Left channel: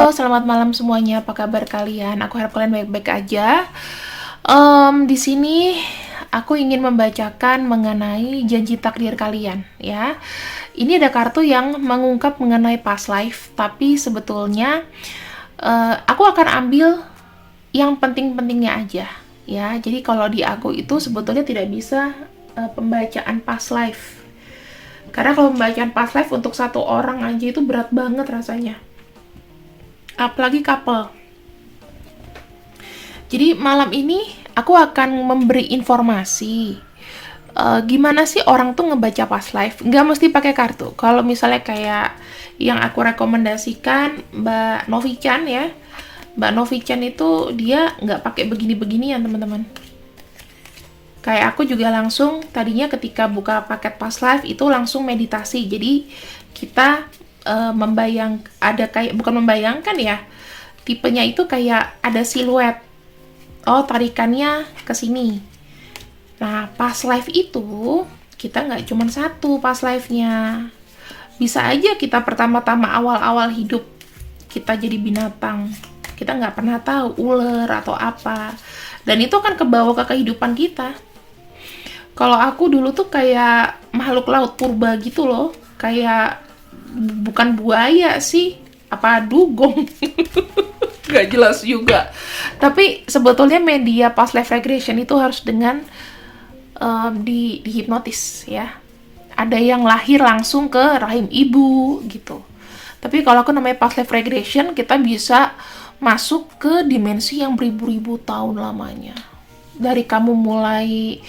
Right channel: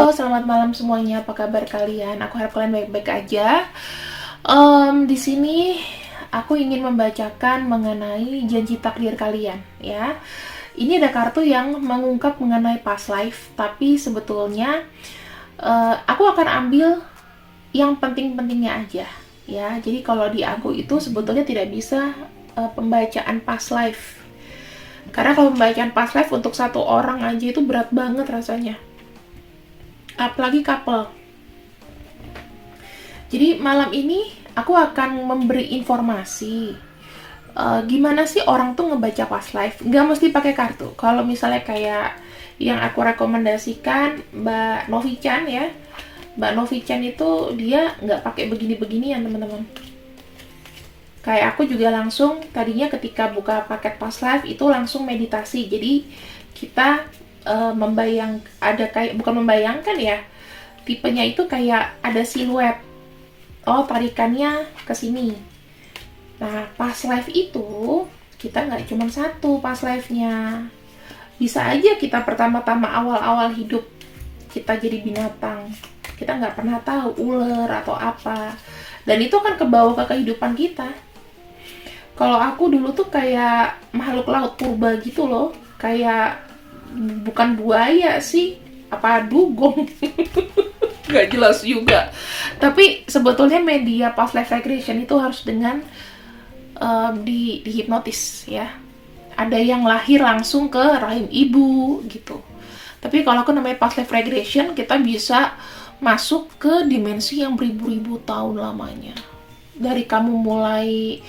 Halo, selamat malam semuanya. Apa kabar kalian? Aku harap kalian baik-baik aja. Di sini aku ingin membacakan mengenai janji takdir kalian, ya. Ini ada kartu yang mengungkap mengenai past life, tapi sebetulnya aku akan ambil yang penting-pentingnya aja, ya. Jadi kalau di aku itu sebetulnya tidak bisa pembacaan past life. Karena kalau pembacaan past life untuk satu orang aja itu berat banget rasanya. Apalagi couple. Jadi malam ini aku akan memberi informasi gimana sih orang tuh ngebaca past life. Nggak mesti pakai kartu. Kalau misalnya kayak yang aku rekomendasikan Mbak Novi Chan ya. Mbak Novi Chan itu dia nggak pakai begini-beginian teman-teman. Kayak aku juga langsung tadinya ketika buka paket past life itu langsung meditasi. Jadi kita ada kayak bukan membayangkan ya. Tipenya itu kayak ada siluet. Oh, tarikannya ke sini. Nah, past life itu kita nggak cuma satu past life-nya. Bisa aja kita pertama-tama awal-awal hidup kita jadi binatang. Kita nggak pernah tahu ular atau apa. Dan itu akan kebawa ke kehidupan kita. Kalau aku dulu tuh kayak makhluk laut purba gitu loh. Kayak bukan buaya sih. Apa dugong. Nggak jelas juga. Tapi sebetulnya media past life regression itu harus dengan dihipnotis ya. Ada yang lahir langsung ke rahim ibu gitu. Tapi kalau aku namanya past life regression, kita bisa masuk ke dimensi yang beribu-ribu tahun lamanya. Dari kamu mulai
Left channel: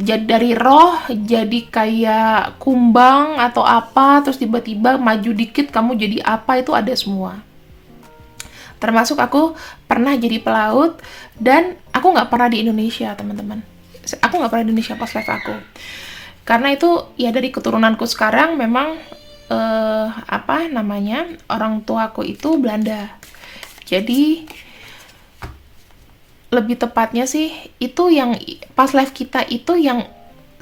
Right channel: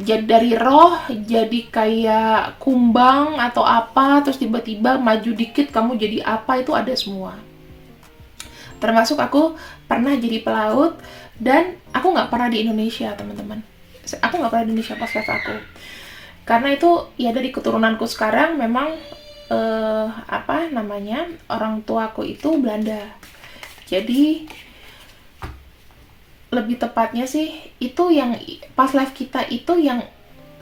jadi dari roh jadi kayak kumbang atau apa, terus tiba-tiba maju dikit kamu jadi apa, itu ada semua. Termasuk aku pernah jadi pelaut dan aku nggak pernah di Indonesia teman-teman. Aku nggak pernah di Indonesia pas live aku. Karena itu ya dari keturunanku sekarang memang orang tuaku itu Belanda. Jadi lebih tepatnya sih itu yang pas live kita itu yang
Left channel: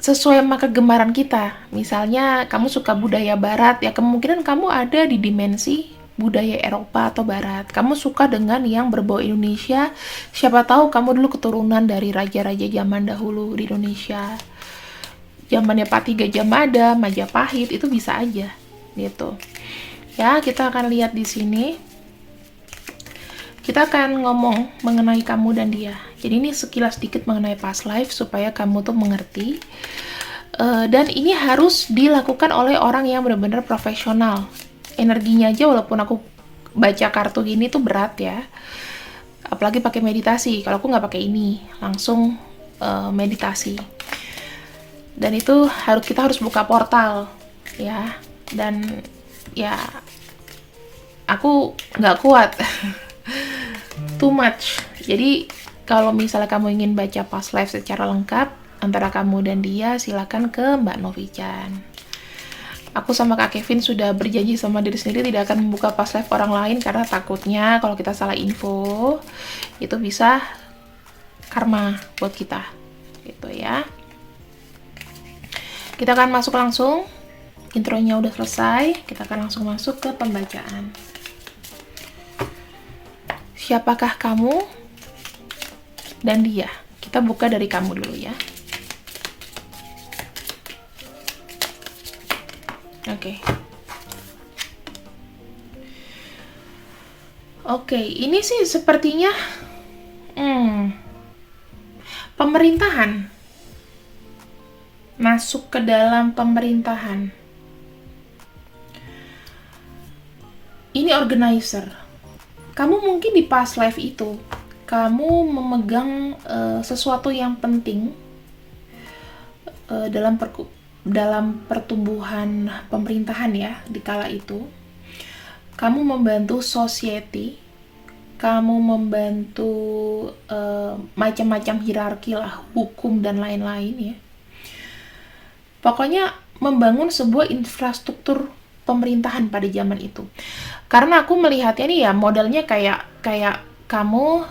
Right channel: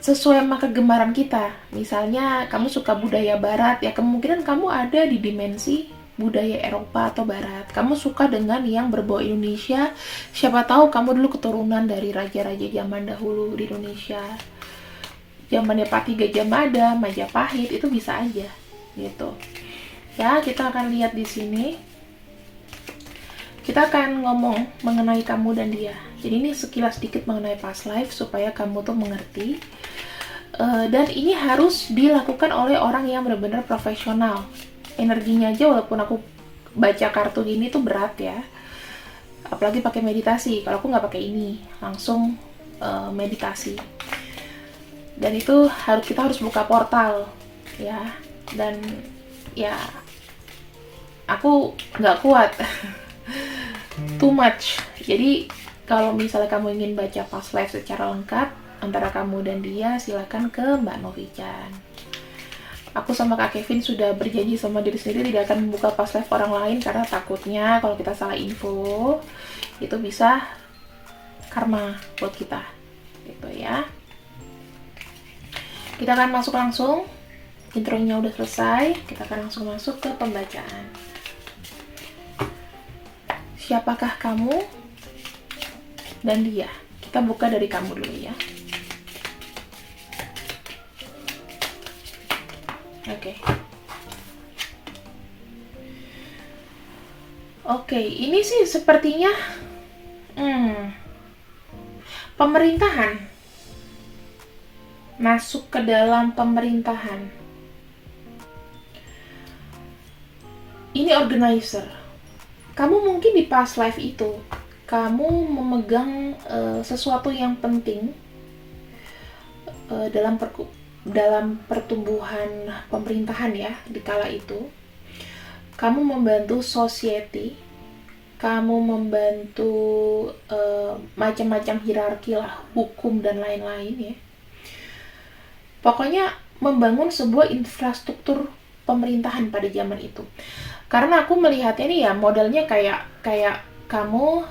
sesuai sama kegemaran kita. Misalnya kamu suka budaya barat ya kemungkinan kamu ada di dimensi budaya Eropa atau Barat. Kamu suka dengan yang berbau Indonesia. Siapa tahu kamu dulu keturunan dari raja-raja zaman dahulu di Indonesia. Zamannya Pati Gajah Mada, Majapahit, itu bisa aja gitu. Ya, kita akan lihat di sini. Kita akan ngomong mengenai kamu dan dia. Jadi ini sekilas sedikit mengenai past life supaya kamu tuh mengerti. Dan ini harus dilakukan oleh orang yang benar-benar profesional. Energinya aja walaupun aku baca kartu gini tuh berat ya, apalagi pakai meditasi. Kalau aku nggak pakai ini, langsung meditasi. Dan itu kita harus buka portal ya, dan ya aku nggak kuat too much. Jadi kalau misalnya kamu ingin baca past life secara lengkap antara kamu dan dia, silakan ke Mbak Novi Chan. Aku sama Kak Kevin sudah berjanji sama diri sendiri tidak akan membuka past life orang lain karena takutnya kalau kita salah info itu bisa karma buat kita gitu ya. Kita akan masuk langsung, intronya udah selesai, kita akan langsung masuk ke pembacaan. Siapakah kamu dan dia? Kita buka dari kamu dulu ya. Oke, ini sih sepertinya pemerintahan. Masuk ke dalam pemerintahan. Ini organizer. Kamu mungkin di past life itu, kamu memegang sesuatu yang penting dalam pertumbuhan pemerintahan ya, di kala itu. Kamu membantu society, kamu membantu macam-macam hierarki lah, hukum dan lain-lain ya. Pokoknya membangun sebuah infrastruktur pemerintahan pada zaman itu. Karena aku melihatnya nih ya modelnya kayak kamu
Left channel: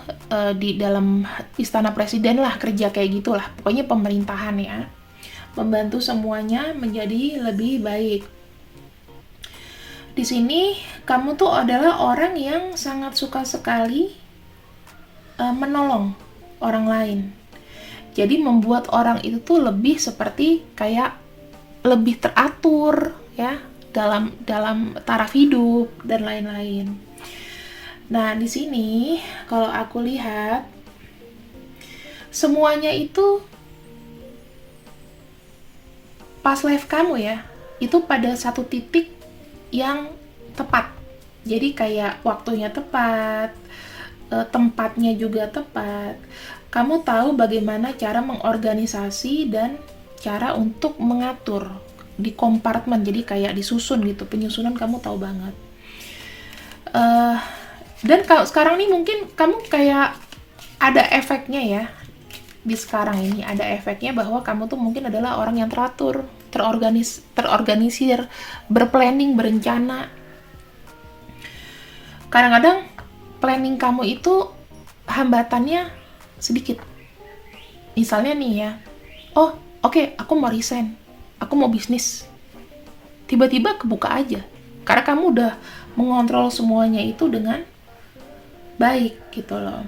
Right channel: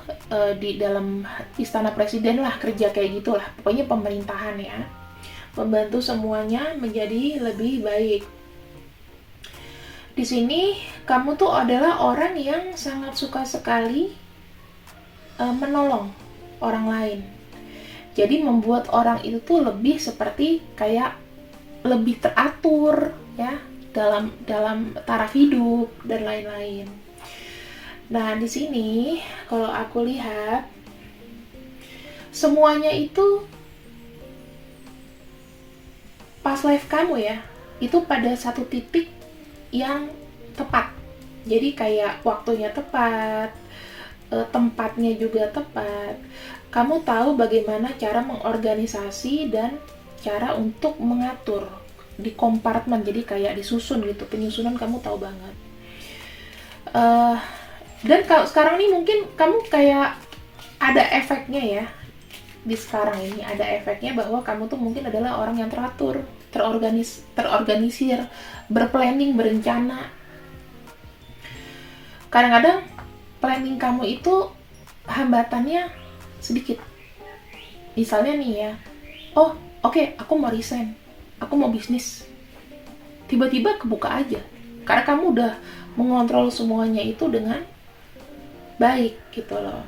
di dalam istana presiden lah, kerja kayak gitulah. Pokoknya pemerintahan ya. Membantu semuanya menjadi lebih baik. Di sini kamu tuh adalah orang yang sangat suka sekali menolong orang lain. Jadi membuat orang itu tuh lebih seperti kayak lebih teratur ya dalam taraf hidup dan lain-lain. Nah, di sini kalau aku lihat semuanya itu pas life kamu ya, itu pada satu titik yang tepat. Jadi kayak waktunya tepat, tempatnya juga tepat. Kamu tahu bagaimana cara mengorganisasi dan cara untuk mengatur di kompartemen, jadi kayak disusun gitu, penyusunan kamu tahu banget. Dan kalau sekarang nih mungkin kamu kayak ada efeknya ya, di sekarang ini ada efeknya bahwa kamu tuh mungkin adalah orang yang teratur, terorganisir, berplanning, berencana. Kadang-kadang planning kamu itu hambatannya sedikit. Misalnya nih ya, oh oke, aku mau resign, aku mau bisnis. Tiba-tiba kebuka aja, karena kamu udah mengontrol semuanya itu dengan baik gitu loh.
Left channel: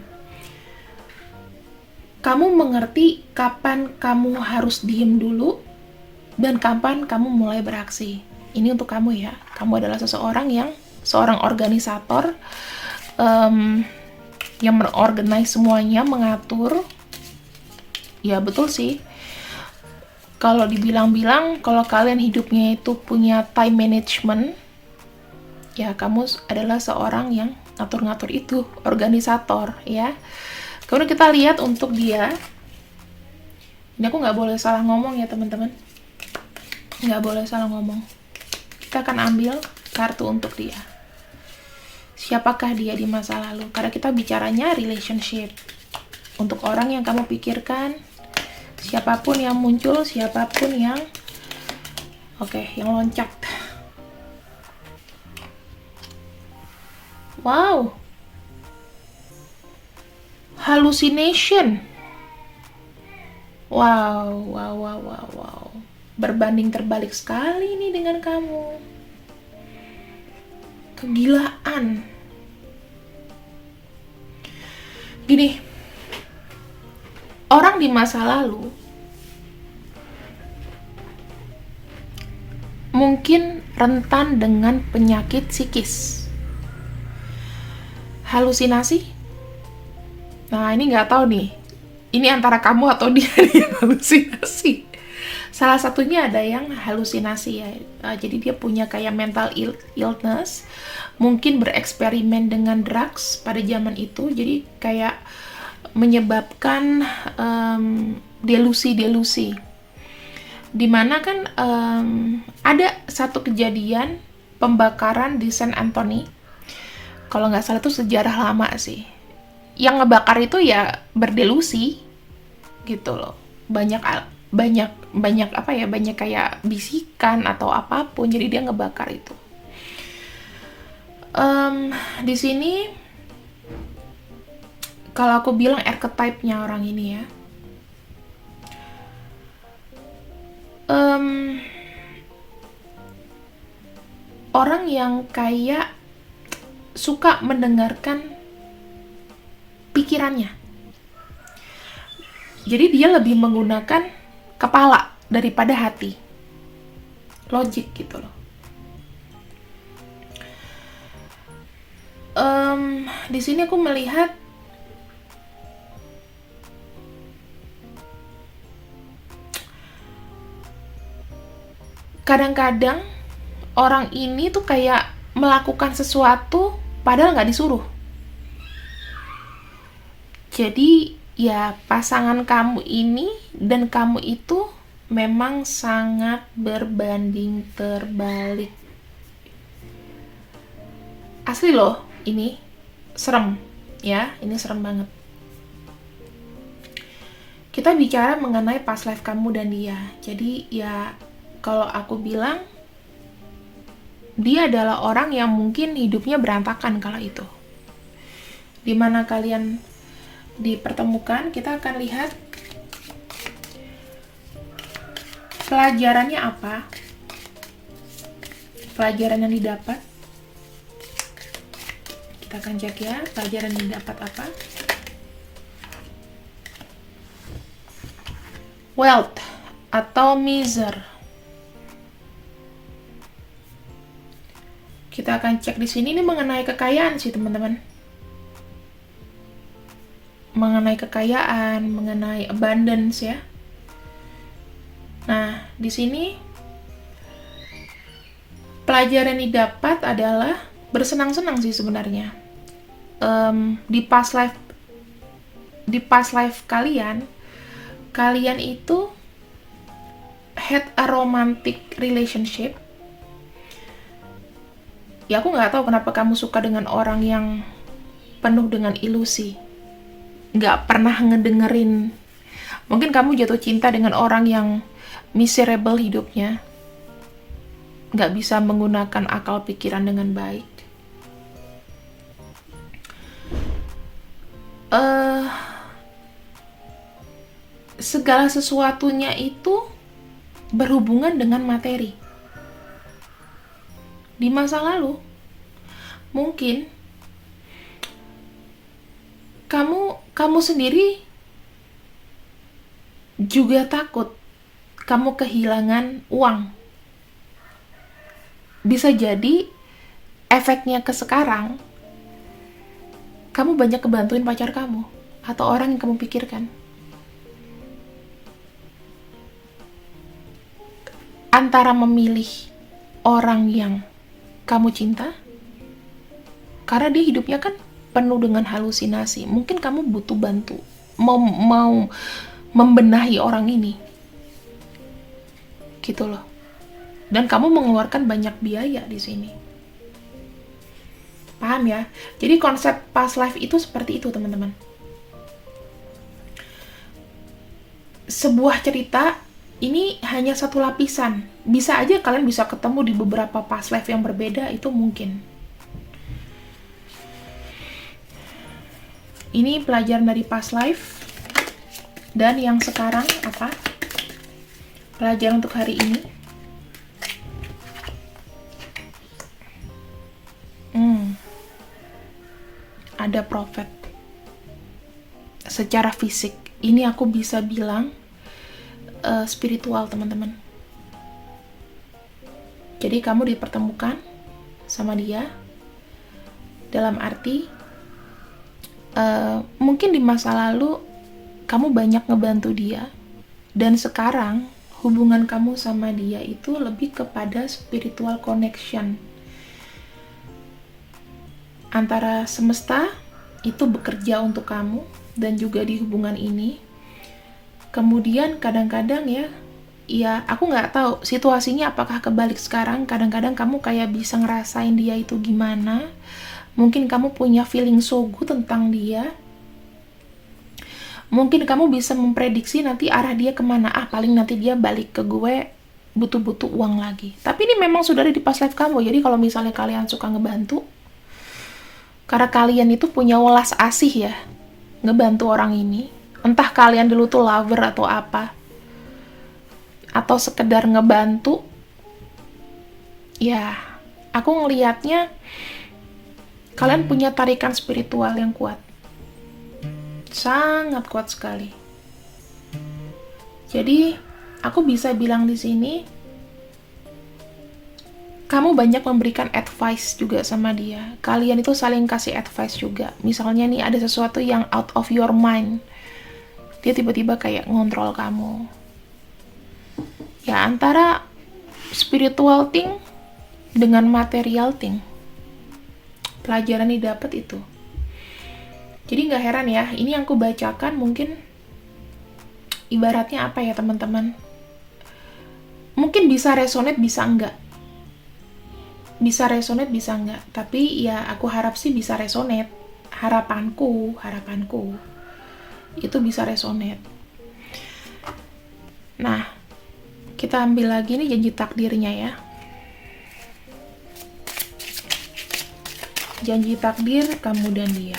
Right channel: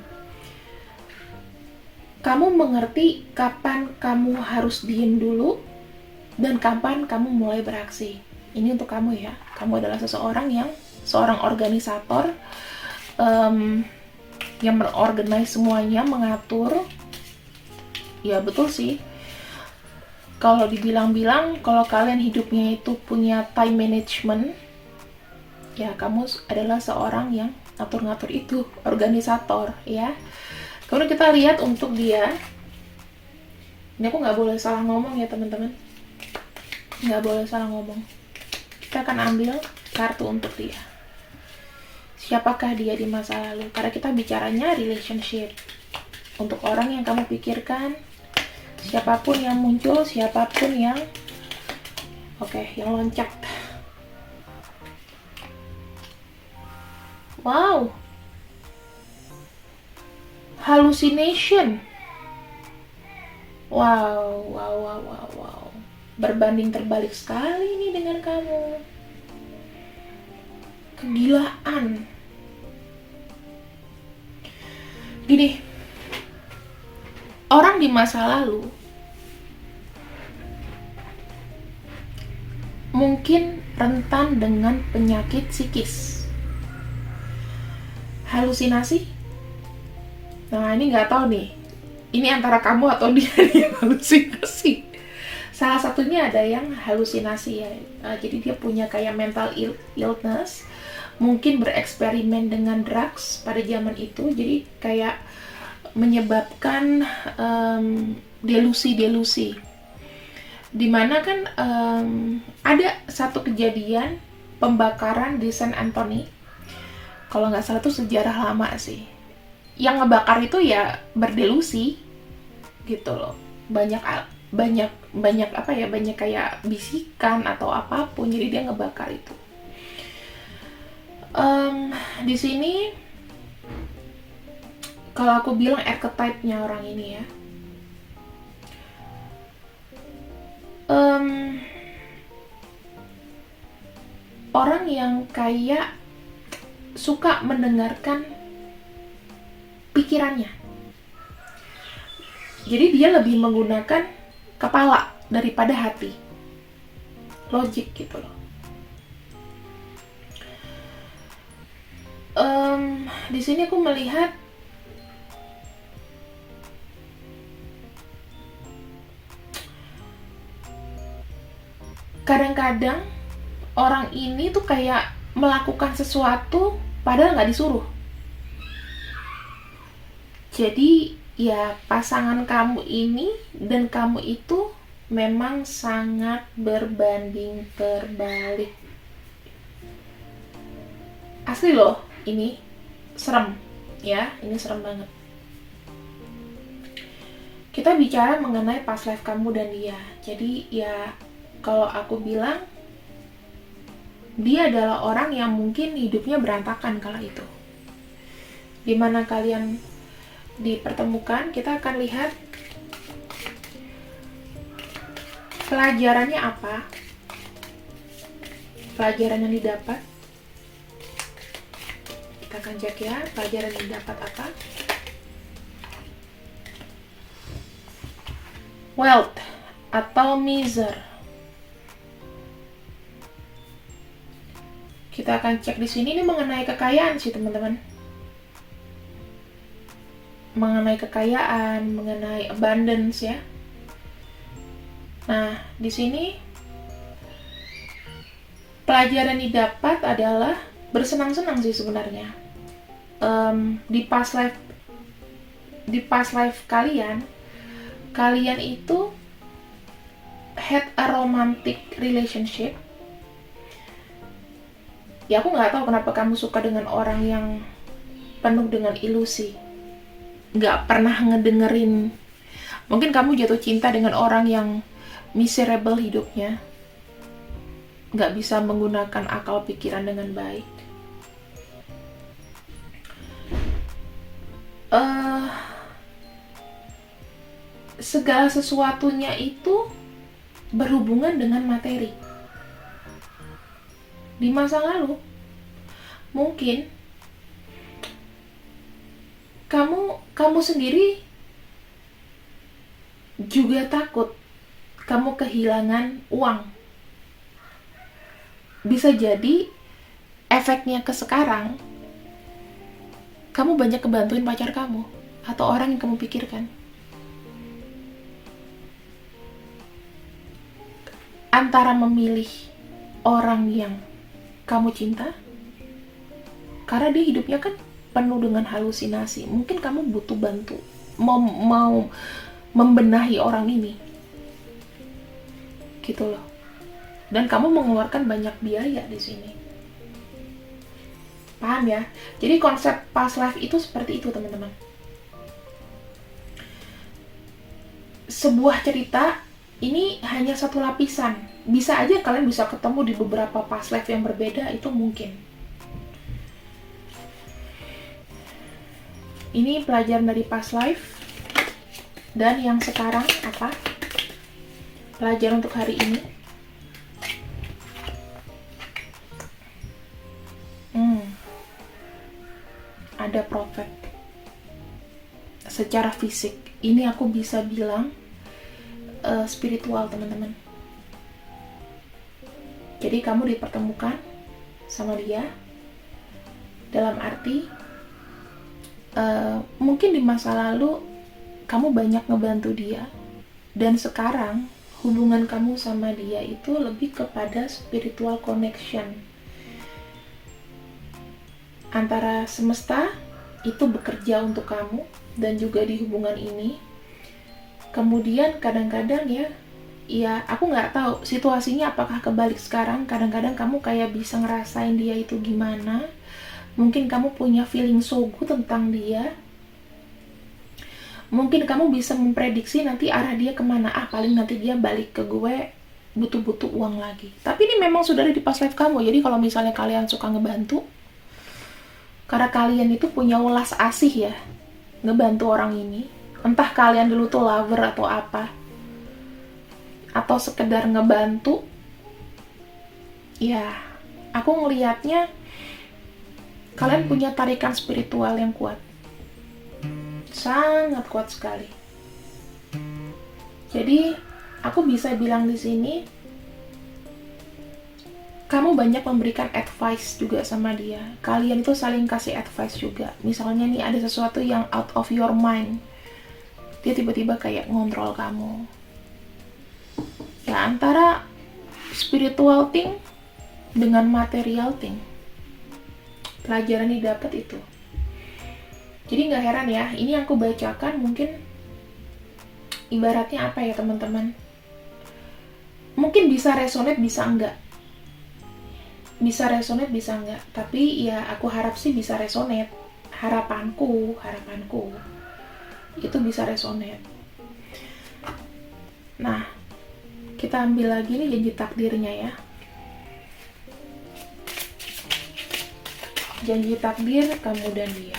Kamu mengerti kapan kamu harus diem dulu dan kapan kamu mulai beraksi. Ini untuk kamu ya. Kamu adalah seorang organisator yang mengorganize semuanya, mengatur. Ya betul sih. Kalau dibilang-bilang, kalau kalian hidupnya itu punya time management, ya kamu adalah seorang yang ngatur-ngatur itu, organisator ya. Kemudian kita lihat untuk dia. Ini aku nggak boleh salah ngomong ya teman-teman. Nggak boleh salah ngomong. Kita akan ambil kartu untuk dia. Siapakah dia di masa lalu? Karena kita bicaranya relationship. Untuk orang yang kamu pikirkan, siapapun yang muncul, siapapun yang yang loncat. Wow. Hallucination. Wow. Berbanding terbalik sekali nih dengan kamu. Kegilaan. Gini, orang di masa lalu mungkin rentan dengan penyakit psikis, halusinasi. Nah, ini nggak tahu nih, ini antara kamu atau dia yang halusinasi. Salah satunya ada yang halusinasi ya. Jadi dia punya kayak mental illness, mungkin bereksperimen dengan drugs pada zaman itu, jadi kayak menyebabkan delusi-delusi. Dimana kan ada satu kejadian pembakaran di Saint Anthony. Kalau nggak salah itu sejarah lama sih. Yang ngebakar itu ya berdelusi gitu loh. Banyak kayak bisikan atau apapun, jadi dia ngebakar itu. Di sini kalau aku bilang archetype-nya orang ini ya, orang yang kayak suka mendengarkan pikirannya. Jadi dia lebih menggunakan kepala daripada hati. Logik gitu loh. Di sini aku melihat kadang-kadang orang ini tuh kayak melakukan sesuatu padahal nggak disuruh. Jadi ya pasangan kamu ini dan kamu itu memang sangat berbanding terbalik. Asli loh, ini serem ya, ini serem banget. Kita bicara mengenai past life kamu dan dia. Jadi ya kalau aku bilang dia adalah orang yang mungkin hidupnya berantakan kala itu. Dimana kalian dipertemukan, kita akan lihat pelajarannya apa, pelajaran yang didapat, Kita akan cek ya, pelajaran yang dapat apa. Wealth atau miser. Kita akan cek di sini, ini mengenai kekayaan sih teman-teman. Mengenai kekayaan, mengenai abundance ya. Nah, di sini pelajaran yang didapat adalah bersenang-senang sih sebenarnya. Di past life kalian itu had a romantic relationship. Ya aku nggak tahu kenapa kamu suka dengan orang yang penuh dengan ilusi, nggak pernah ngedengerin. Mungkin kamu jatuh cinta dengan orang yang miserable hidupnya, nggak bisa menggunakan akal pikiran dengan baik. Segala sesuatunya itu berhubungan dengan materi. Di masa lalu, mungkin kamu sendiri juga takut kamu kehilangan uang. Bisa jadi efeknya ke sekarang, kamu banyak kebantuin pacar kamu atau orang yang kamu pikirkan. Antara memilih orang yang kamu cinta, karena dia hidupnya kan penuh dengan halusinasi. Mungkin kamu butuh bantu, mau membenahi orang ini, gitu loh. Dan kamu mengeluarkan banyak biaya di sini. Paham ya? Jadi konsep past life itu seperti itu teman-teman. Sebuah cerita ini hanya satu lapisan. Bisa aja kalian bisa ketemu di beberapa past life yang berbeda, itu mungkin. Ini pelajaran dari past life. Dan yang sekarang apa? Pelajaran untuk hari ini. Ada prophet. Secara fisik, ini aku bisa bilang spiritual teman-teman. Jadi kamu dipertemukan sama dia dalam arti mungkin di masa lalu kamu banyak ngebantu dia, dan sekarang hubungan kamu sama dia itu lebih kepada spiritual connection antara semesta itu bekerja untuk kamu dan juga di hubungan ini. Kemudian kadang-kadang ya aku nggak tahu situasinya apakah kebalik sekarang. Kadang-kadang kamu kayak bisa ngerasain dia itu gimana. Mungkin kamu punya feeling so good tentang dia. Mungkin kamu bisa memprediksi nanti arah dia kemana. Paling nanti dia balik ke gue butuh-butuh uang lagi. Tapi ini memang sudah ada di past life kamu. Jadi kalau misalnya kalian suka ngebantu, karena kalian itu punya welas asih ya, ngebantu orang ini. Entah kalian dulu tuh lover atau apa, atau sekedar ngebantu, ya aku ngelihatnya kalian punya tarikan spiritual yang kuat, sangat kuat sekali. Jadi aku bisa bilang di sini, kamu banyak memberikan advice juga sama dia. Kalian itu saling kasih advice juga. Misalnya nih ada sesuatu yang out of your mind, dia tiba-tiba kayak ngontrol kamu. Ya antara spiritual thing dengan material thing. Pelajaran didapat itu. Jadi nggak heran ya, ini yang aku bacakan mungkin ibaratnya apa ya teman-teman? Mungkin bisa resonate, bisa enggak. Bisa resonate, bisa enggak. Tapi ya aku harap sih bisa resonate. Harapanku itu bisa resonate. Nah, kita ambil lagi nih janji takdirnya ya. Janji takdir kamu dan dia.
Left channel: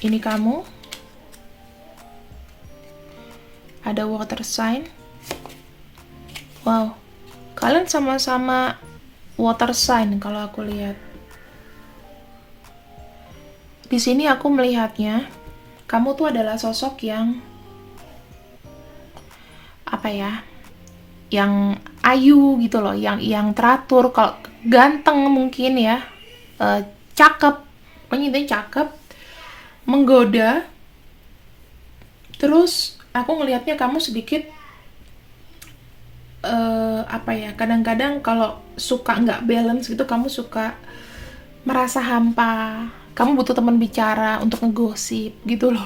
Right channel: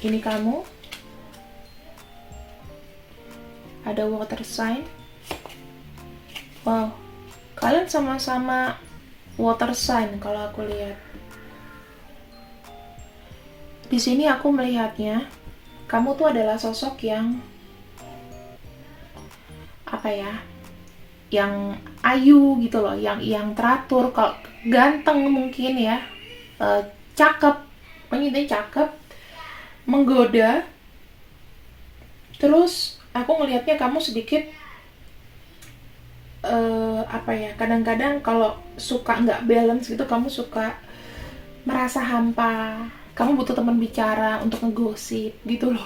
Ini kamu. Ada water sign. Wow, kalian sama-sama water sign kalau aku lihat. Di sini aku melihatnya, kamu tuh adalah sosok yang apa ya? Yang ayu gitu loh, yang teratur, kalau ganteng mungkin ya, eh, cakep, pokoknya cakep, menggoda. Terus aku ngelihatnya kamu sedikit apa ya? Kadang-kadang kalau suka nggak balance gitu, kamu suka merasa hampa. Kamu butuh teman bicara untuk ngegosip gitu loh.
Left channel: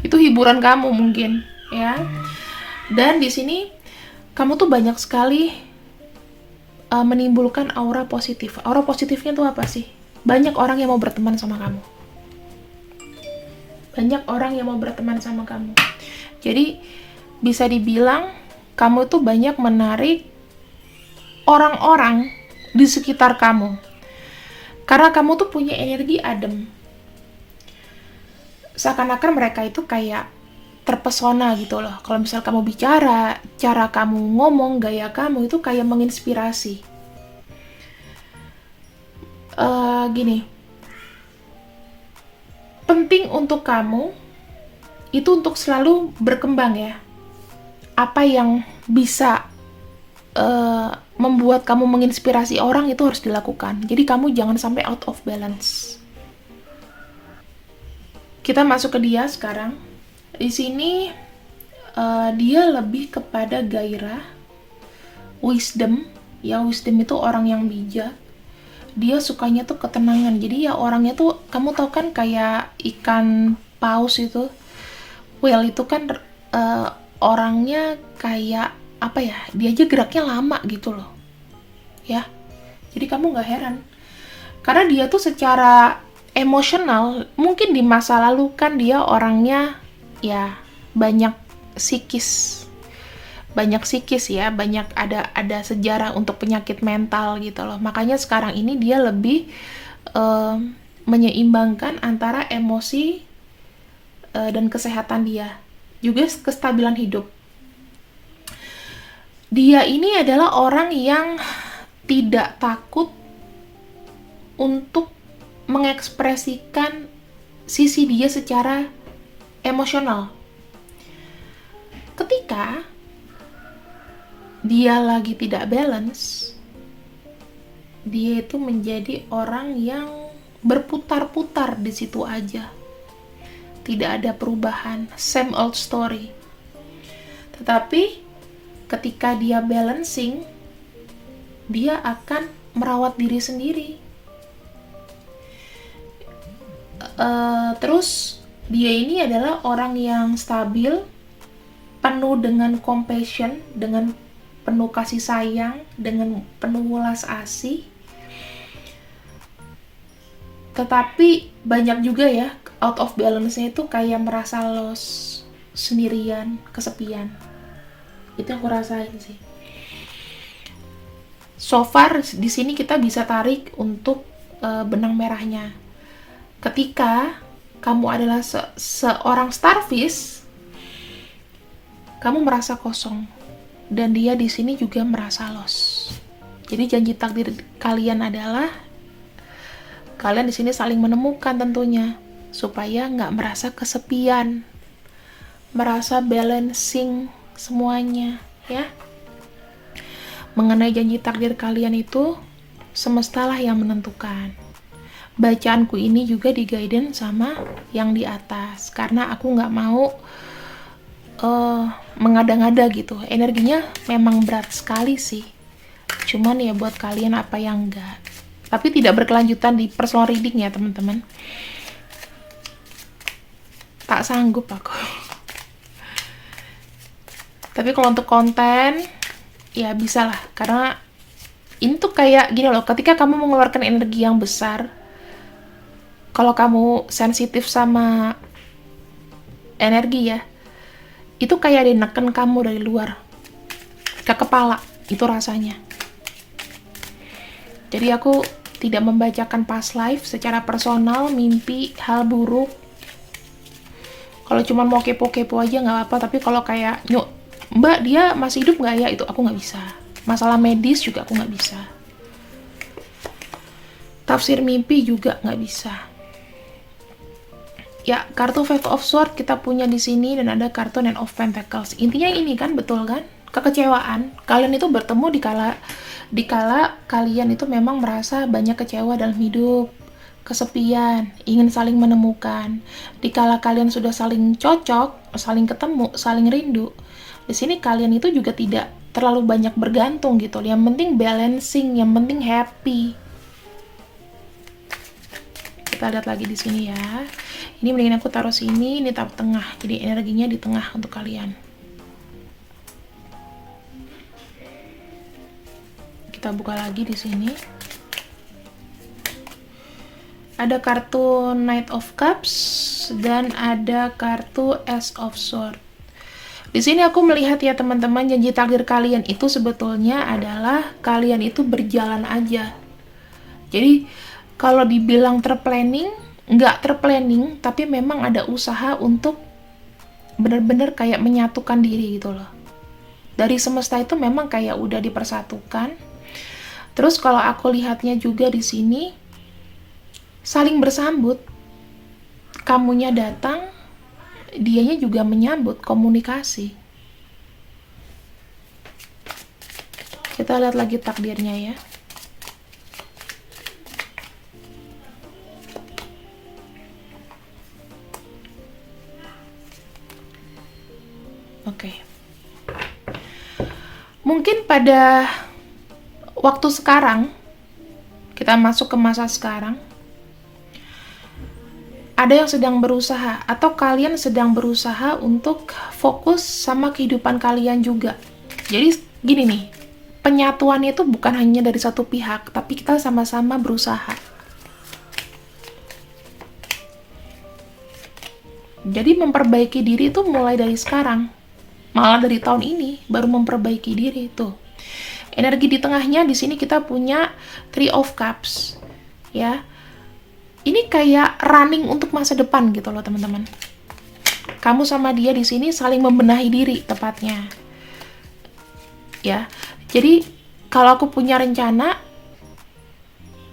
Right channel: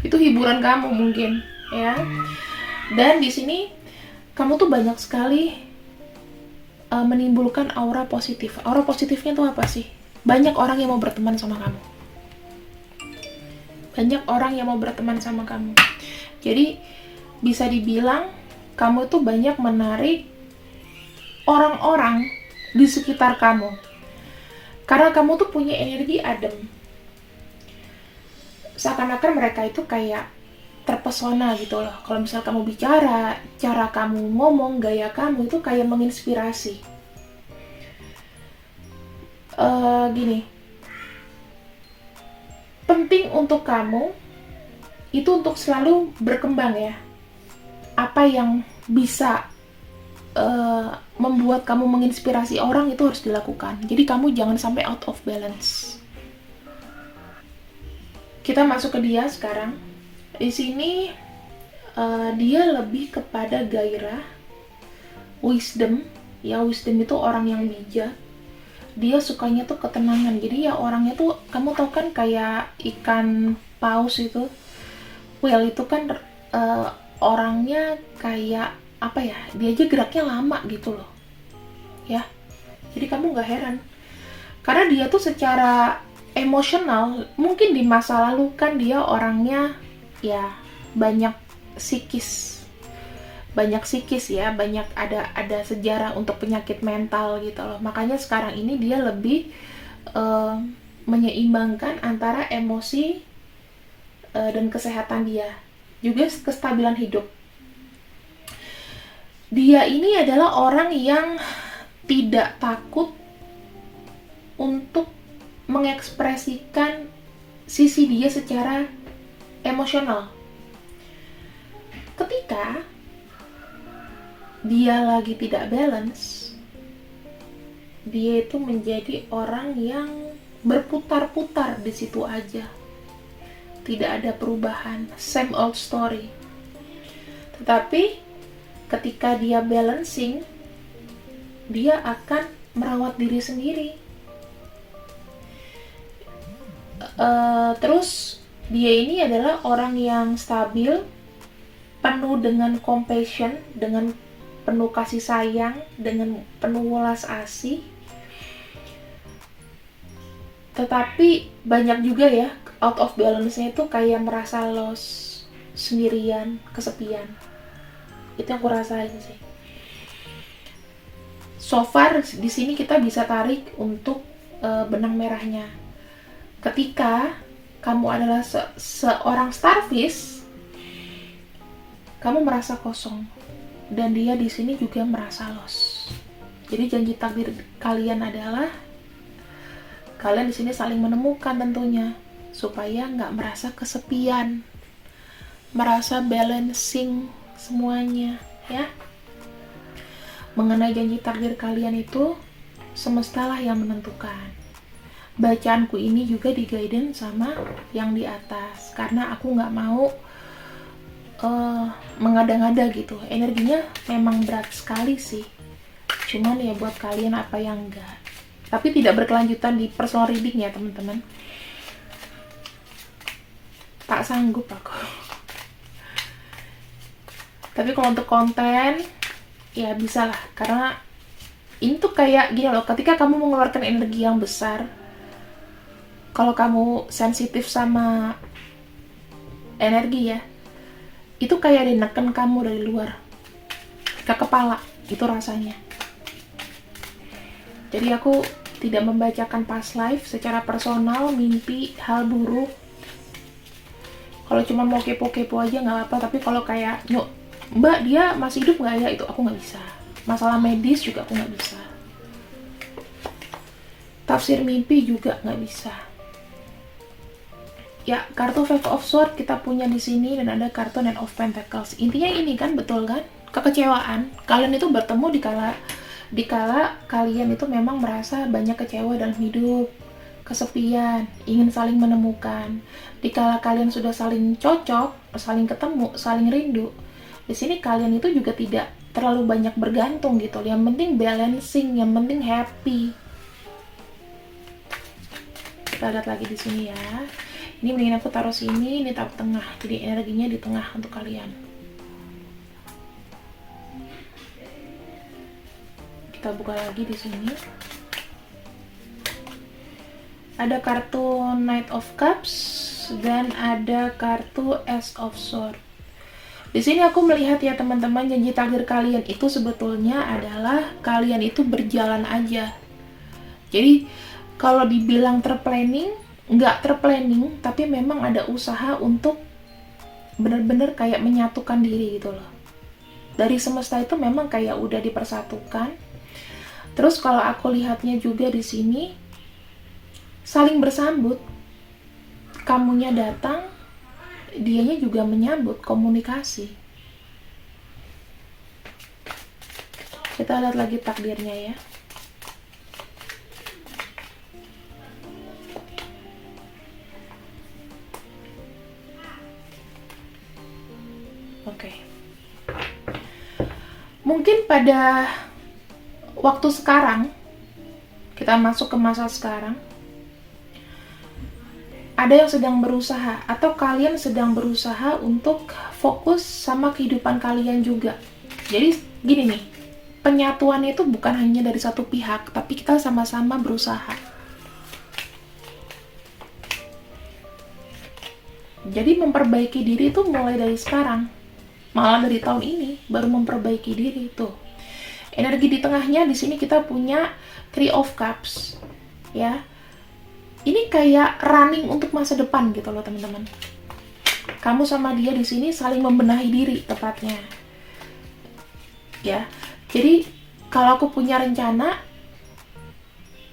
Itu hiburan kamu mungkin, ya. Dan di sini kamu tuh banyak sekali menimbulkan aura positif. Aura positifnya tuh apa sih? Banyak orang yang mau berteman sama kamu. Banyak orang yang mau berteman sama kamu. Jadi bisa dibilang kamu tuh banyak menarik orang-orang di sekitar kamu. Karena kamu tuh punya energi adem. Seakan-akan mereka itu kayak terpesona gitu loh. Kalau misal kamu bicara, cara kamu ngomong, gaya kamu itu kayak menginspirasi. Gini, penting untuk kamu itu untuk selalu berkembang ya. Apa yang bisa membuat kamu menginspirasi orang itu harus dilakukan. Jadi kamu jangan sampai out of balance. Kita masuk ke dia sekarang. Di sini dia lebih kepada gairah, wisdom. Ya, wisdom itu orang yang bijak. Dia sukanya tuh ketenangan. Jadi ya orangnya tuh, kamu tau kan kayak ikan paus itu. Whale itu kan orangnya kayak apa ya? Dia aja geraknya lama gitu loh. Ya. Jadi kamu gak heran. Karena dia tuh secara emosional, mungkin di masa lalu kan dia orangnya ya banyak psikis ya, banyak ada sejarah untuk penyakit mental gitu loh. Makanya sekarang ini dia lebih menyeimbangkan antara emosi dan kesehatan dia, juga kestabilan hidup. Dia ini adalah orang yang tidak takut untuk mengekspresikan sisi dia secara emosional. Ketika dia lagi tidak balance, dia itu menjadi orang yang berputar-putar di situ aja. Tidak ada perubahan, same old story. Tetapi ketika dia balancing, dia akan merawat diri sendiri. Terus dia ini adalah orang yang stabil, penuh dengan compassion, dengan penuh kasih sayang, dengan penuh welas asih. Tetapi banyak juga ya out of balance-nya itu kayak merasa lost, sendirian, kesepian. Itu yang aku rasain sih. So far di sini kita bisa tarik untuk benang merahnya. Ketika kamu adalah seorang starfish, kamu merasa kosong, dan dia di sini juga merasa lost. Jadi janji takdir kalian adalah kalian di sini saling menemukan tentunya, supaya nggak merasa kesepian, merasa balancing semuanya ya. Mengenai janji takdir kalian itu, semestalah yang menentukan. Bacaanku ini juga di-guidance sama yang di atas, karena aku nggak mau mengada-ngada gitu. Energinya memang berat sekali sih, cuman ya buat kalian apa yang enggak. Tapi tidak berkelanjutan di personal reading ya teman-teman. Tak sanggup aku. Tapi kalau untuk konten ya bisa lah, karena ini tuh kayak gini loh, ketika kamu mengeluarkan energi yang besar, kalau kamu sensitif sama energi ya, itu kayak dineken kamu dari luar ke kepala, itu rasanya. Jadi aku tidak membacakan past life secara personal, mimpi, hal buruk. Kalau cuma mau kepo-kepo aja nggak apa, tapi kalau kayak, Mbak dia masih hidup nggak ya, itu aku nggak bisa. Masalah medis juga aku nggak bisa. Tafsir mimpi juga nggak bisa. Ya, kartu Five of Swords kita punya di sini, dan ada kartu Knight of Pentacles. Intinya ini kan, betul kan? Kekecewaan. Kalian itu bertemu di kala kalian itu memang merasa banyak kecewa dalam hidup, kesepian, ingin saling menemukan. Di kala kalian sudah saling cocok, saling ketemu, saling rindu. Di sini kalian itu juga tidak terlalu banyak bergantung gitu. Yang penting balancing, yang penting happy. Kita lihat lagi di sini ya. Ini mendingan aku taruh sini, ini taruh tengah. Jadi energinya di tengah untuk kalian. Kita buka lagi di sini. Ada kartu Knight of Cups dan ada kartu Ace of Swords. Di sini aku melihat ya teman-teman, janji takdir kalian itu sebetulnya adalah kalian itu berjalan aja. Jadi kalau dibilang terplanning, nggak terplanning, tapi memang ada usaha untuk benar-benar kayak menyatukan diri gitu loh. Dari semesta itu memang kayak udah dipersatukan. Terus kalau aku lihatnya juga di sini, saling bersambut. Kamunya datang, dianya juga menyambut, komunikasi. Kita lihat lagi takdirnya ya. Oke. Mungkin pada waktu sekarang, kita masuk ke masa sekarang, ada yang sedang berusaha, atau kalian sedang berusaha untuk fokus sama kehidupan kalian juga. Jadi gini nih, penyatuan itu bukan hanya dari satu pihak, tapi kita sama-sama berusaha. Jadi memperbaiki diri itu mulai dari sekarang, malah dari tahun ini baru memperbaiki diri itu. Energi di tengahnya di sini kita punya Three of Cups, ya. Ini kayak running untuk masa depan gitu loh teman-teman. Kamu sama dia di sini saling membenahi diri tepatnya, ya. Jadi kalau aku punya rencana,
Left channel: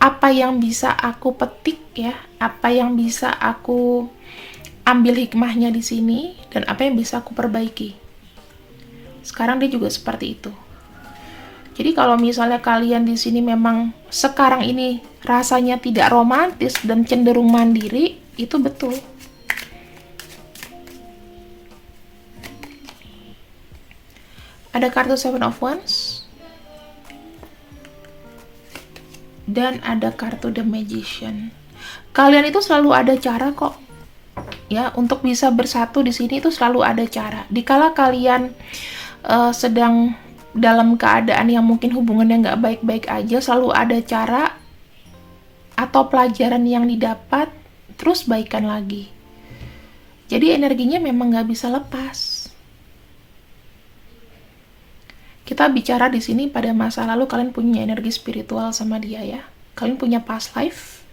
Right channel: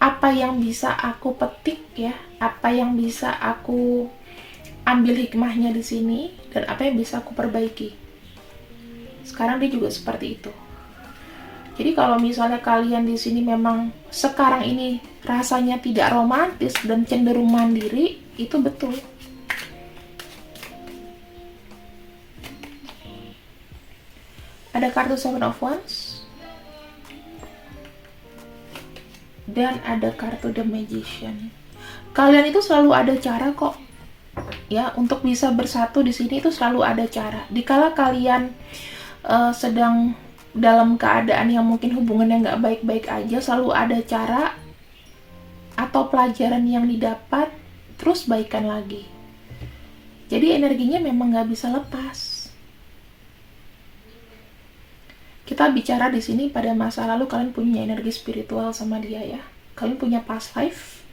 apa yang bisa aku petik ya, apa yang bisa aku ambil hikmahnya di sini, dan apa yang bisa aku perbaiki. Sekarang dia juga seperti itu. Jadi kalau misalnya kalian di sini memang sekarang ini rasanya tidak romantis dan cenderung mandiri, itu betul. Ada kartu Seven of Wands dan ada kartu The Magician. Kalian itu selalu ada cara kok, ya, untuk bisa bersatu di sini itu selalu ada cara. Dikala kalian sedang dalam keadaan yang mungkin hubungannya nggak baik-baik aja, selalu ada cara atau pelajaran yang didapat, terus baikan lagi. Jadi energinya memang nggak bisa lepas. Kita bicara di sini pada masa lalu, kalian punya energi spiritual sama dia ya. Kalian punya past life.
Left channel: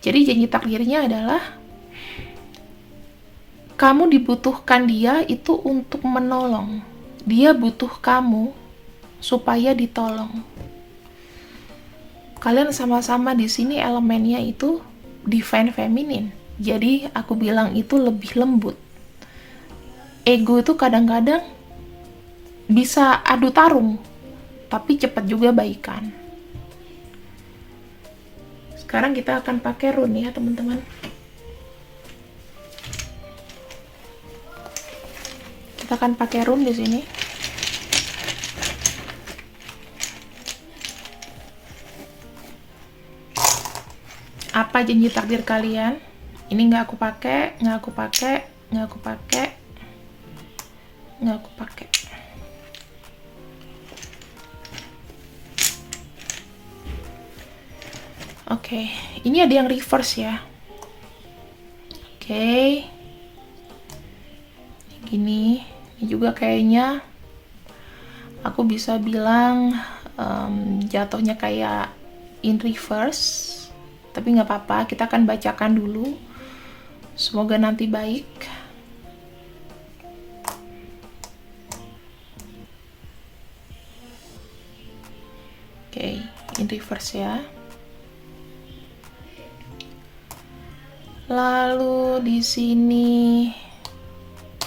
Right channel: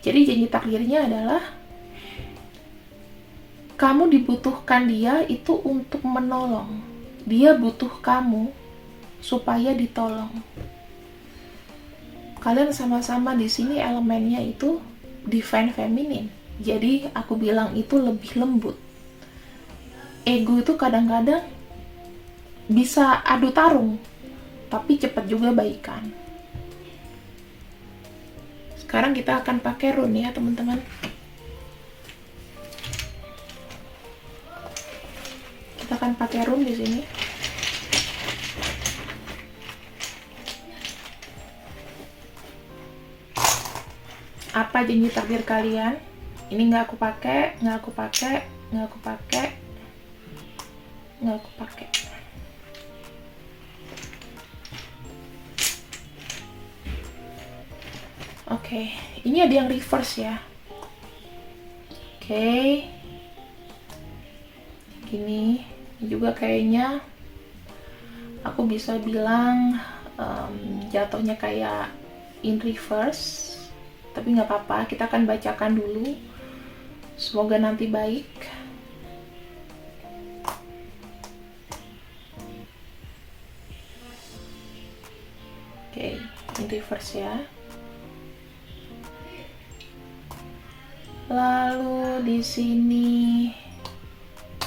Jadi janji takdirnya adalah kamu dibutuhkan dia itu untuk menolong. Dia butuh kamu supaya ditolong. Kalian sama-sama di sini elemennya itu divine feminine. Jadi aku bilang itu lebih lembut. Ego itu kadang-kadang bisa adu tarung, tapi cepat juga baikan. Sekarang kita akan pakai rune ya teman-teman. Kita akan pakai rune di sini. Apa janji takdir kalian? Ini nggak aku pakai, nggak aku pakai, nggak aku pakai, nggak aku pakai. Oke, ini ada yang reverse ya. Oke, gini. Ini juga kayaknya aku bisa bilang jatuhnya kayak in reverse, tapi nggak apa-apa, kita akan bacakan dulu, semoga nanti baik. in reverse ya. Lalu di sini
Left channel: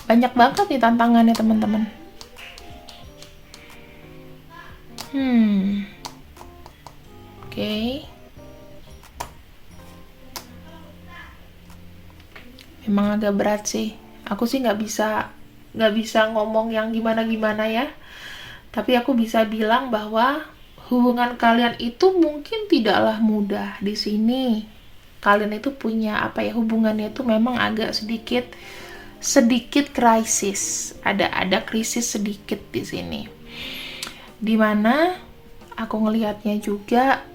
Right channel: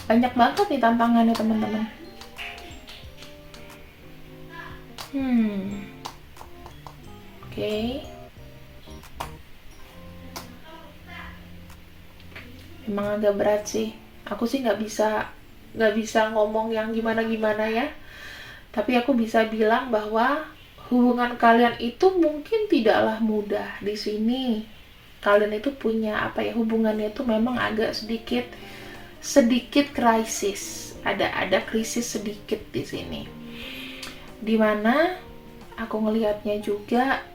banyak banget nih tantangannya teman-teman. Oke. Memang agak berat sih. Aku sih nggak bisa ngomong yang gimana-gimana ya. Tapi aku bisa bilang bahwa hubungan kalian itu mungkin tidaklah mudah di sini. Kalian itu punya hubungannya itu memang agak sedikit krisis. Ada krisis sedikit di sini. Dimana aku ngelihatnya juga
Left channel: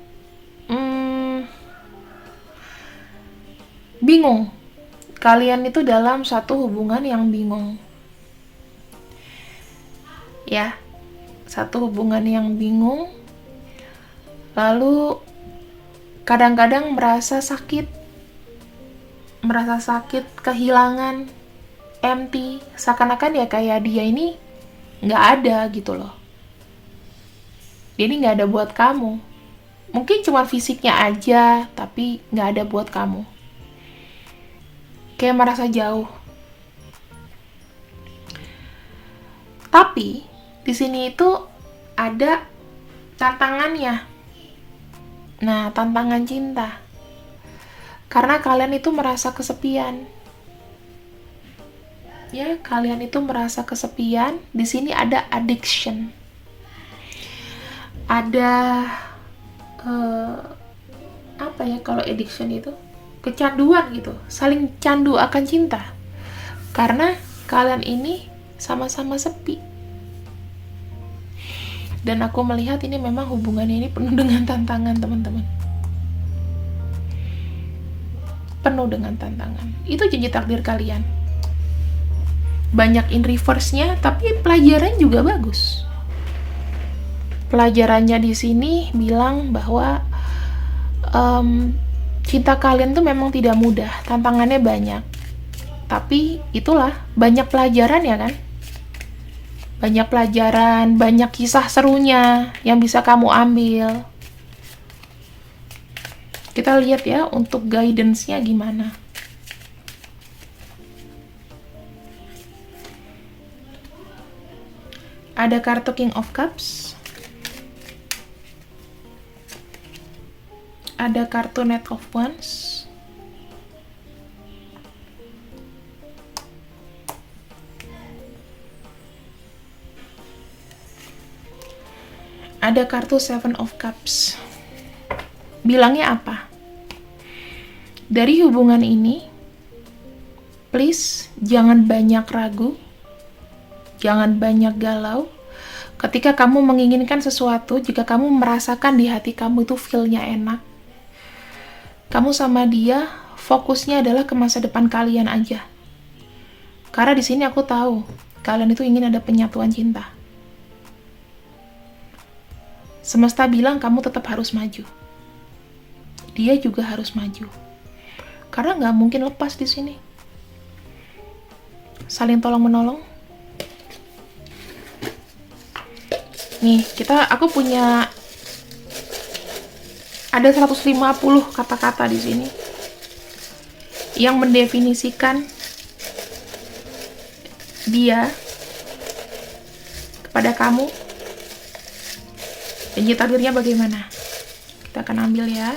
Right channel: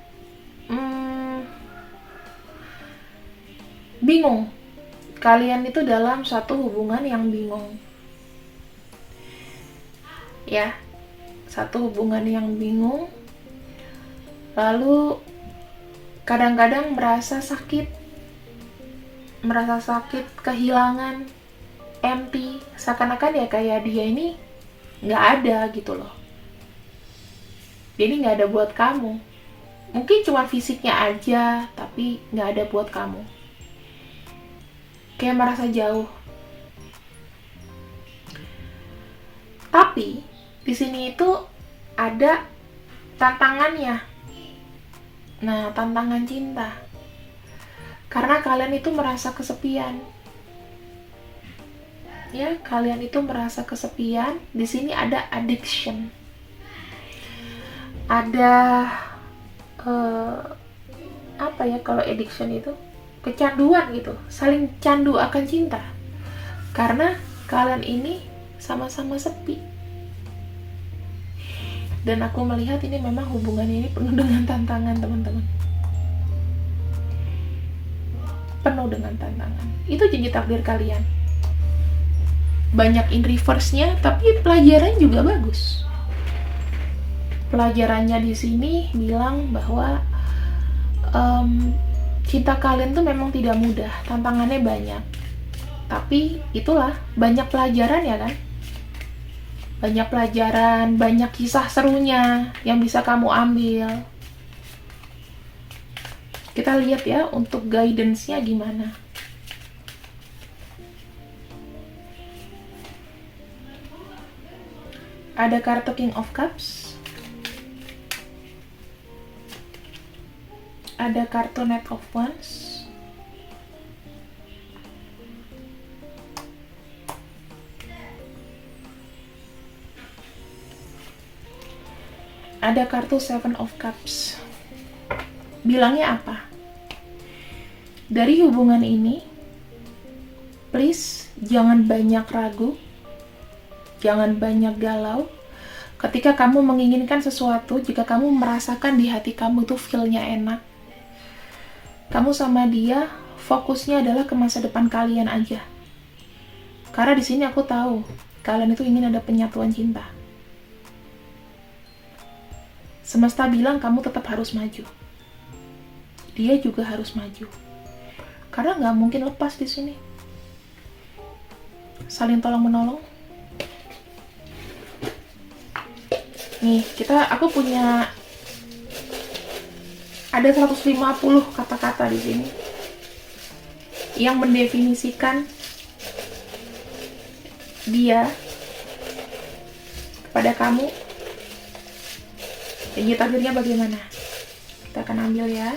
bingung. Kalian itu dalam satu hubungan yang bingung. Ya, satu hubungan yang bingung. Lalu kadang-kadang merasa sakit, kehilangan, empty, seakan-akan ya kayak dia ini nggak ada gitu loh. Dia ini nggak ada buat kamu. Mungkin cuma fisiknya aja, tapi nggak ada buat kamu. Kayak merasa jauh. Tapi di sini itu ada tantangannya. Nah, tantangan cinta. Karena kalian itu merasa kesepian. Ya, kalian itu merasa kesepian. Di sini ada addiction. Ada kalau addiction itu kecanduan gitu, saling candu akan cinta. Karena kalian ini sama-sama sepi. Dan aku melihat ini memang hubungannya ini penuh dengan tantangan, teman-teman. Penuh dengan tantangan. Itu janji takdir kalian. Banyak in reverse-nya, tapi pelajaran juga bagus. Pelajarannya di sini bilang bahwa cinta kalian tuh memang tidak mudah, tantangannya banyak. Tapi itulah, banyak pelajaran ya kan? Banyak pelajaran, banyak kisah serunya yang bisa kamu ambil. Kita lihat ya untuk guidance-nya gimana. Ada kartu King of Cups. Ada kartu Knight of Wands. Ada kartu Seven of Cups. Bilangnya apa? Dari hubungan ini, please jangan banyak ragu, jangan banyak galau. Ketika kamu menginginkan sesuatu, jika kamu merasakan di hati kamu itu feel-nya enak, kamu sama dia fokusnya adalah ke masa depan kalian aja. Karena di sini aku tahu kalian itu ingin ada penyatuan cinta. Semesta bilang kamu tetap harus maju. Dia juga harus maju. Karena nggak mungkin lepas di sini. Saling tolong menolong. Nih, aku punya ada 150 kata-kata di sini yang mendefinisikan dia kepada kamu. Janji takdirnya bagaimana? Kita akan ambil ya.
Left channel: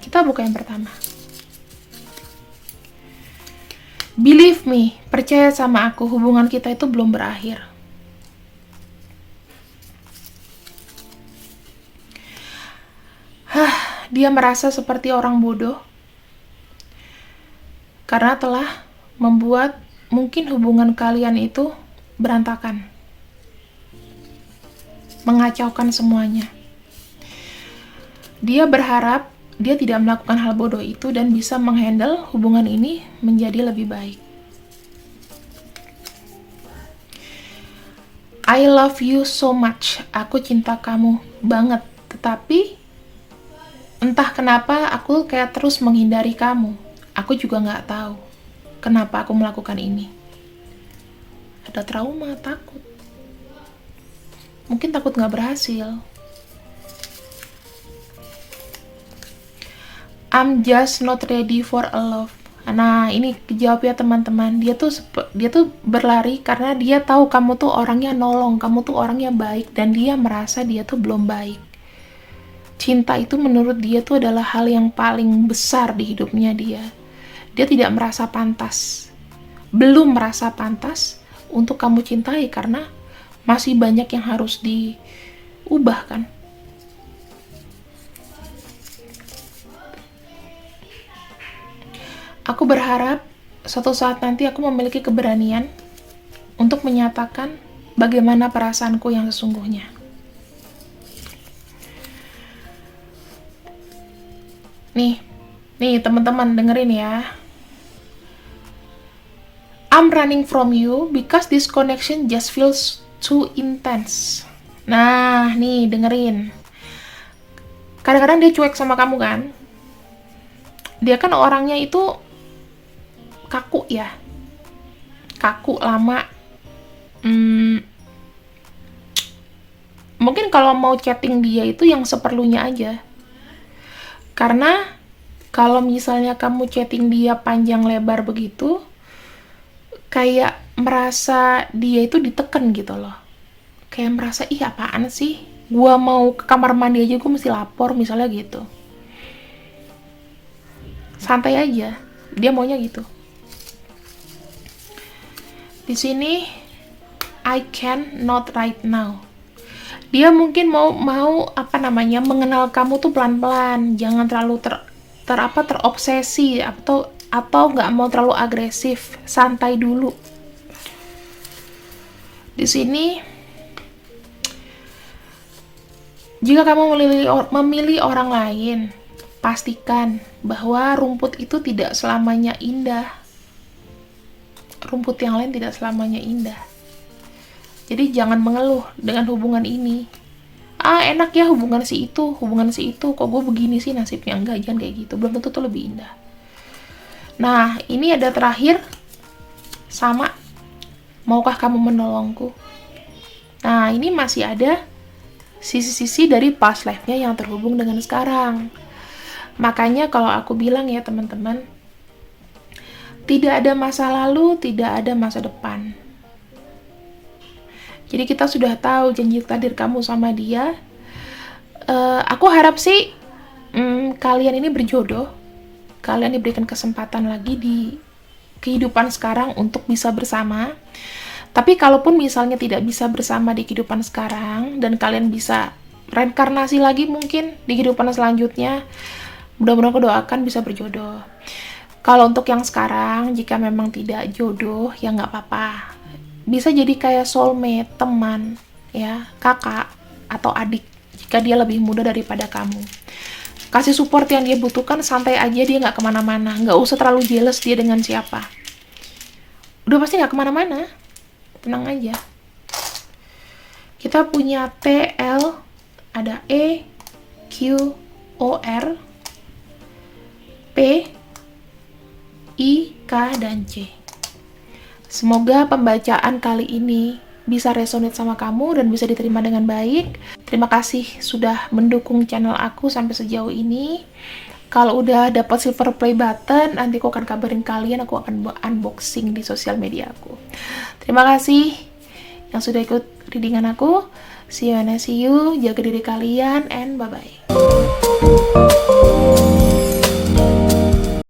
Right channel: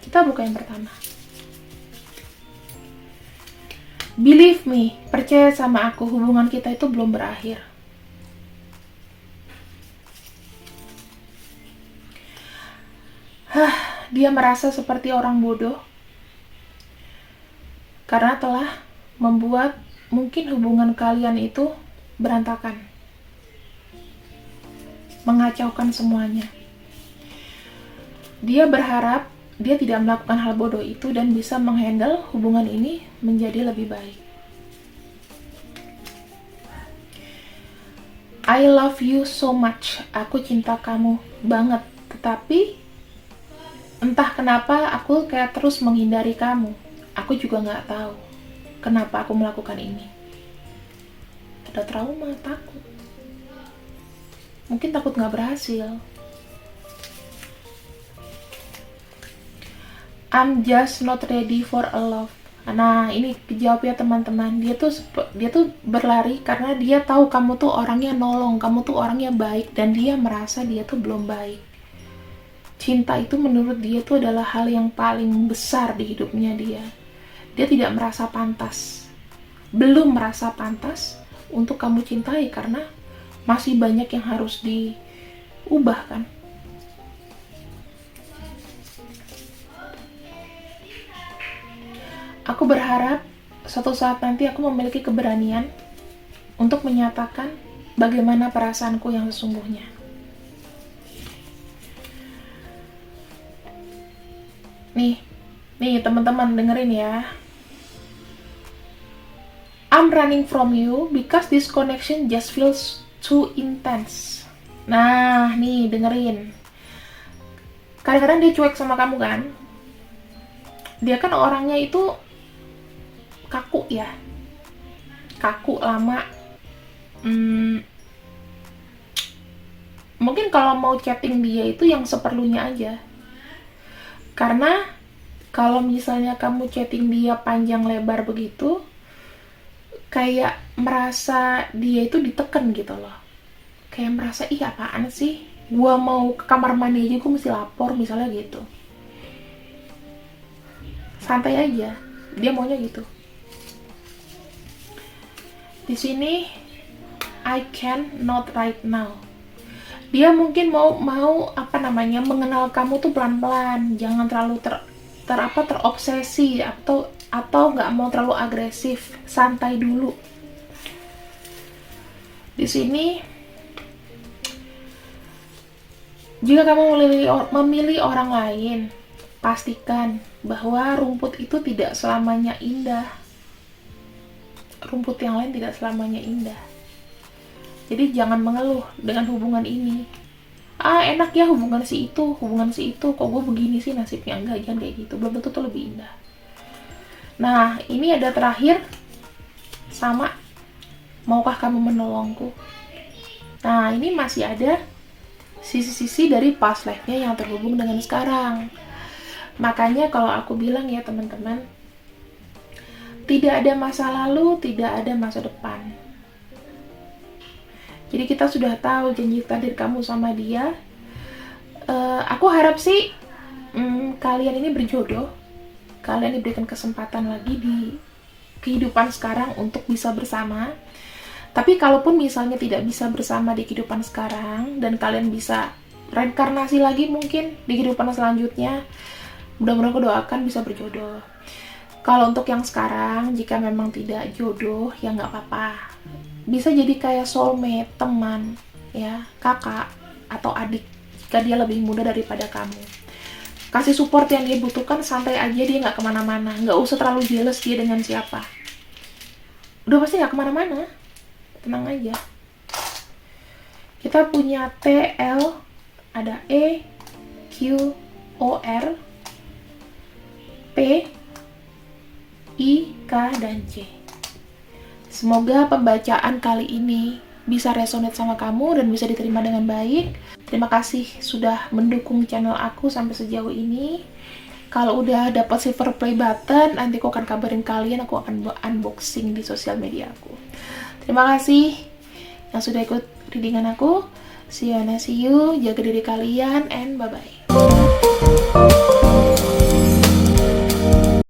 Kita buka yang pertama. Believe me, percaya sama aku, hubungan kita itu belum berakhir. Dia merasa seperti orang bodoh karena telah membuat mungkin hubungan kalian itu berantakan, mengacaukan semuanya. Dia berharap dia tidak melakukan hal bodoh itu dan bisa menghandle hubungan ini menjadi lebih baik. I love you so much. Aku cinta kamu banget. Tetapi Entah kenapa aku kayak terus menghindari kamu. Aku juga nggak tahu kenapa aku melakukan ini. Ada trauma, takut. Mungkin takut nggak berhasil. I'm just not ready for a love. Nah, ini kejawab ya teman-teman. Dia tuh berlari karena dia tahu kamu tuh orangnya nolong, kamu tuh orangnya baik, dan dia merasa dia tuh belum baik. Cinta itu menurut dia tuh adalah hal yang paling besar di hidupnya dia. Dia tidak merasa pantas, belum merasa pantas untuk kamu cintai karena masih banyak yang harus diubah kan. Aku berharap suatu saat nanti aku memiliki keberanian untuk menyatakan bagaimana perasaanku yang sesungguhnya. Nih teman-teman dengerin ya. I'm running from you because this connection just feels too intense. Nah, nih dengerin. Kadang-kadang dia cuek sama kamu kan? Dia kan orangnya itu kaku ya. Kaku, lama. Mungkin kalau mau chatting dia itu yang seperlunya aja. Karena kalau misalnya kamu chatting dia panjang lebar begitu, kayak merasa dia itu diteken gitu loh. Kayak merasa, ih apaan sih? Gua mau ke kamar mandi aja gua mesti lapor misalnya gitu. Santai aja, dia maunya gitu. Di sini, I can not right now. Dia mungkin mau mengenal kamu tuh pelan-pelan, jangan terlalu terobsesi atau nggak mau terlalu agresif, santai dulu. Di sini, jika kamu memilih orang lain, pastikan bahwa rumput itu tidak selamanya indah. Rumput yang lain tidak selamanya indah. Jadi jangan mengeluh dengan hubungan ini. Enak ya hubungan si itu, kok gue begini sih nasibnya. Enggak, jangan kayak gitu. Belum tentu tuh lebih indah. Nah, ini ada terakhir. Sama, maukah kamu menolongku? Nah, ini masih ada sisi-sisi dari past life-nya yang terhubung dengan sekarang. Makanya kalau aku bilang ya teman-teman, tidak ada masa lalu, tidak ada masa depan. Jadi kita sudah tahu janji takdir kamu sama dia. Aku harap sih kalian ini berjodoh. Kalian diberikan kesempatan lagi di kehidupan sekarang untuk bisa bersama. Tapi kalaupun misalnya tidak bisa bersama di kehidupan sekarang dan kalian bisa reinkarnasi lagi mungkin di kehidupan selanjutnya, mudah-mudahan aku doakan bisa berjodoh. Kalau untuk yang sekarang, jika memang tidak jodoh, ya nggak apa-apa. Bisa jadi kayak soulmate, teman, ya, kakak, atau adik, jika dia lebih muda daripada kamu. Kasih support yang dia butuhkan, santai aja, dia nggak kemana-mana. Nggak usah terlalu jealous dia dengan siapa. Udah pasti nggak kemana-mana. Tenang aja. Kita punya TL, ada E, Q, O, R, P, I, K, dan C. Semoga pembacaan kali ini bisa resonate sama kamu dan bisa diterima dengan baik. Terima kasih sudah mendukung channel aku sampai sejauh ini. Kalau udah dapat silver play button, nanti aku akan kabarin kalian, aku akan unboxing di sosial media aku. Terima kasih yang sudah ikut readingan aku. See you, jaga diri kalian, and bye-bye.